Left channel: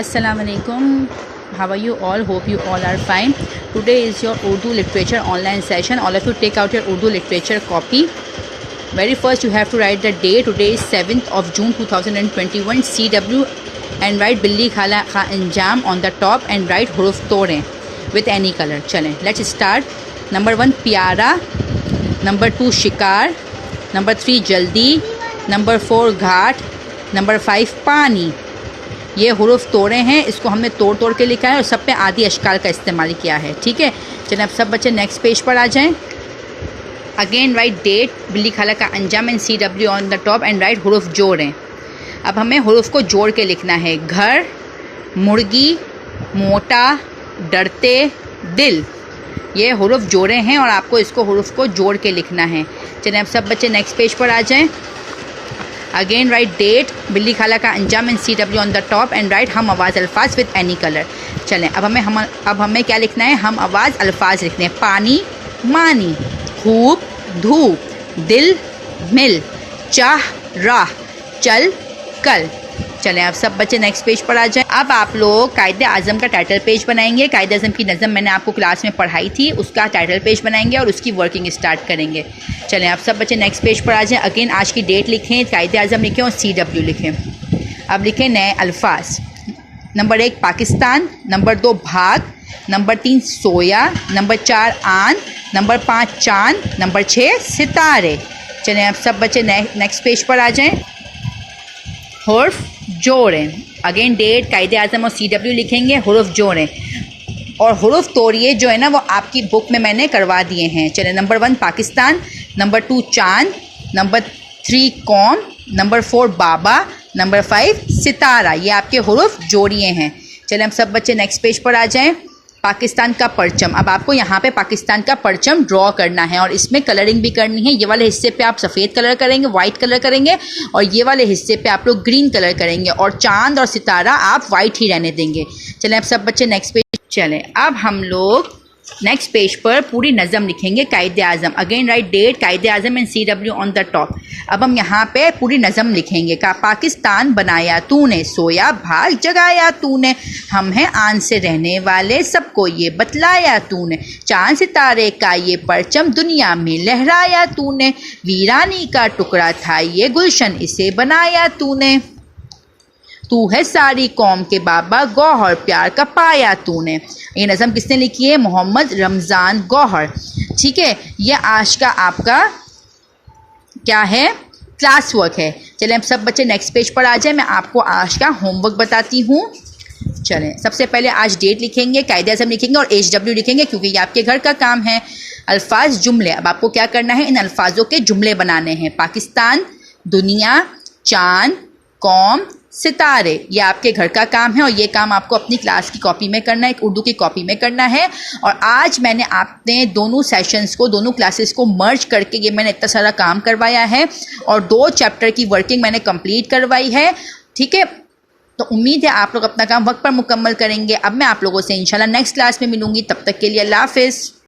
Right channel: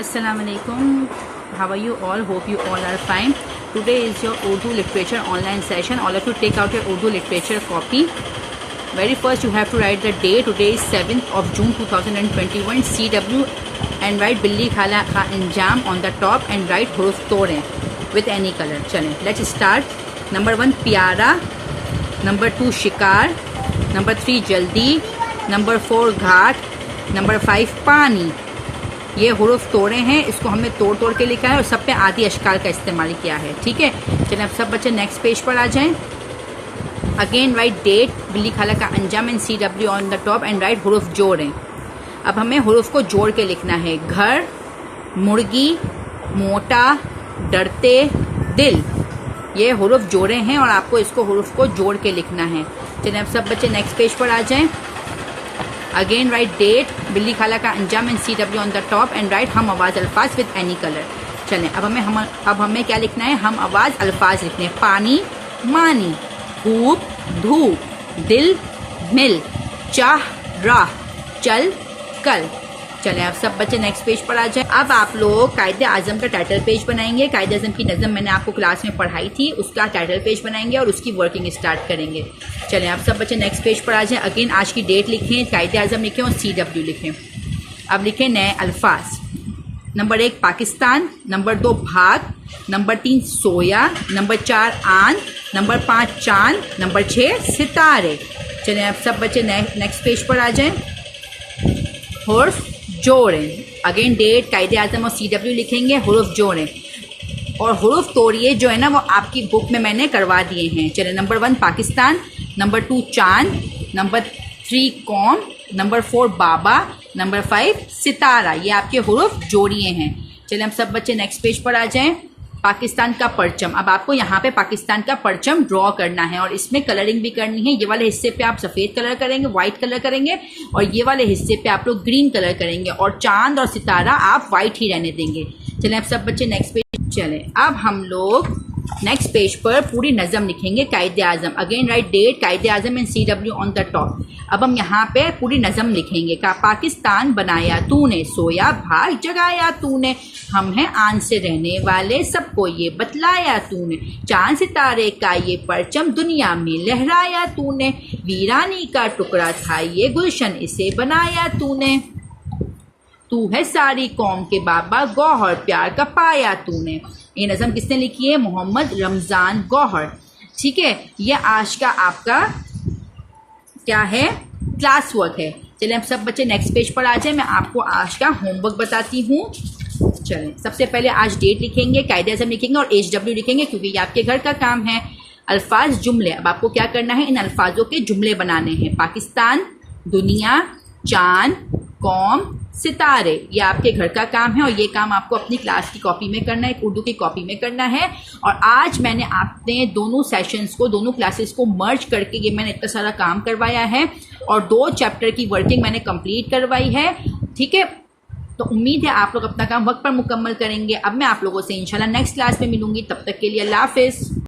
Assalamu alaikum. How are you all? Hope you all are fine. Today is your Urdu literature online session. All of you take out your Urdu literature copy. Very first you have to write the day. Today is 7th of June 2021 CW and write Billi Khala Kha Anjam on the top and write Huruf Tore with any color. Chale, let's start. Number 1 Pyara, number 2 Shikar, number 3 Jaldi, number 4 Ghat, number 5 Pani. ये हुरूफ तोड़े हैं, इसको हमने तोड़ तोड़ के लिखा है और सब पे आदि अशकाल का इस्तेमाल किया है। ठीक है, चलिए अब सब बच्चे नेक्स्ट पेज पर आ जाएं। अगेन राइट डेट बिल्ली खाला का अंजाम and CW on the top and right हुरूफ जोड़ें। अब हमें हुरूफ को जोड़ के लिखना है। घर, मुर्गी, मोटा, डरते, दिल, ये हुरूफ जोड़े हैं और आपको इसको हुरूफ को जोड़ के लिखना है। चलिए अब सब बच्चे नेक्स्ट पेज पर आ जाएं। अगेन राइट डेट बिल्ली खाला का अंजाम and CW on the top and right हम आवाज़ अल्फाज विद एनी कलर। चलें अब हमें क्या लिखना है? हम आवाज़ अल्फाज लिखने हैं। पानी, मानी, धूप, धूप, दिल, मिल, चाह, राह, चल, कल। चलें अब सब बच्चे नेक्स्ट पेज पर आ जाएं। अब आप लोग कायदे आज़म का टाइटल पेज बनाएंगे। कायदे आज़म की नज़म मैंने आपको क्लास में पढ़ाई थी, उसका टाइटल पेज बनाएंगे और उसकी वर्किंग स्टार्ट करेंगे। चलें अब सब बच्चे नेक्स्ट पेज पर आ जाएं। अगेन आज की डेट लिखें, कायदे आज़म लिखें और CW लिखें। अब लिखें नए अल्फाज। नंबर 1 पाकिस्तान, नंबर 2 भाग, नंबर 3 सोया, नंबर 4 आन, नंबर 5 चांद, नंबर 6 सितारे। चलें अब सब बच्चे नेक्स्ट पेज पर आ जाएं। हुर्फ जोड़ें। अगेन डेट कायदे आज़म और CW लिखेंगे, हुर्फ जोड़ें और हुर्फ तोड़िए जो है ना वो आपकी बुक में मैंने करवा दिए हैं। चलिए नंबर 1 पाकिस्तान, नंबर 2 चांद, नंबर 3 कौम, नंबर 4 बाबा, नंबर 5 सितारा। ये आपके हुर्फ जोड़िए हैं। चलिए हम सब बच्चे नेक्स्ट पेज पर आ जाएं। पाकिस्तान का परचम। अब आपको यहाँ पे पाकिस्तान का परचम ड्रॉ करना है और इसमें कलरिंग भी करनी है। ये वाले हिस्से पे आप सफ़ेद कलर करेंगे, वाइट कलर करेंगे और ये वाले हिस्से पे आप लोग ग्रीन कलर करेंगे और चांद और सितारा आप वाइट ही रहने देंगे। चलें अब सब बच्चे नेक्स्ट पेज। चलें अब हम लोग नेक्स्ट पेज पर पूरी नज़म लिखेंगे कायदे आज़म। Again write date Quaid Azam and CW on the top. अब हम यहाँ पे पूरी नज़म लिखेंगे। का पाकिस्तान बनाया तूने, सोया भाग जगाया तूने, हम हैं आन से रहने वाले सबको ये बतलाया तूने, चांद सितारे का ये परचम दुनिया में लहराया तूने, वीरानी का टुकड़ा था ये गुलशन इसे बनाया तूने, तू है सारी कौम के बाबा गौहर प्यार का पाया तूने। ये नज़म किसने लिखी है? मोहम्मद रमज़ान गौहर। ठीक है, ये आज का आपका क्या है? क्लास वर्क है। चलें अब सब बच्चे नेक्स्ट पेज पर आ जाए। मैं आपको आज का होमवर्क बताती हूँ। चलें सबसे पहले आज डेट लिखेंगे, कायदे आज़म लिखेंगे और HW लिखेंगे क्योंकि ये आपके घर का काम है। अल्फाज जुमले। अब आपको क्या करना है? इन अल्फाजों के जुमले बनाने हैं। पाकिस्तान, दुनिया, चांद, कौम, सितारे, ये आपके घर का काम है और ये काम आपको अपनी क्लास की कॉपी में करना है, एक उर्दू की कॉपी में करना है। और आज मैंने आपने दोनों सेशंस को, दोनों क्लासेस को मर्ज करके ये मैंने इतना सारा काम करवाया है और 2 चैप्टर की वर्किंग मैंने कंप्लीट करवाई है। ठीक है, तो उम्मीद है आप लोग अपना काम वक्त पर मुकम्मल करेंगे। अब मैं आप लोगों से इंशाल्लाह नेक्स्ट क्लास में मिलूंगी। तब तक के लिए अल्लाह हाफिज़।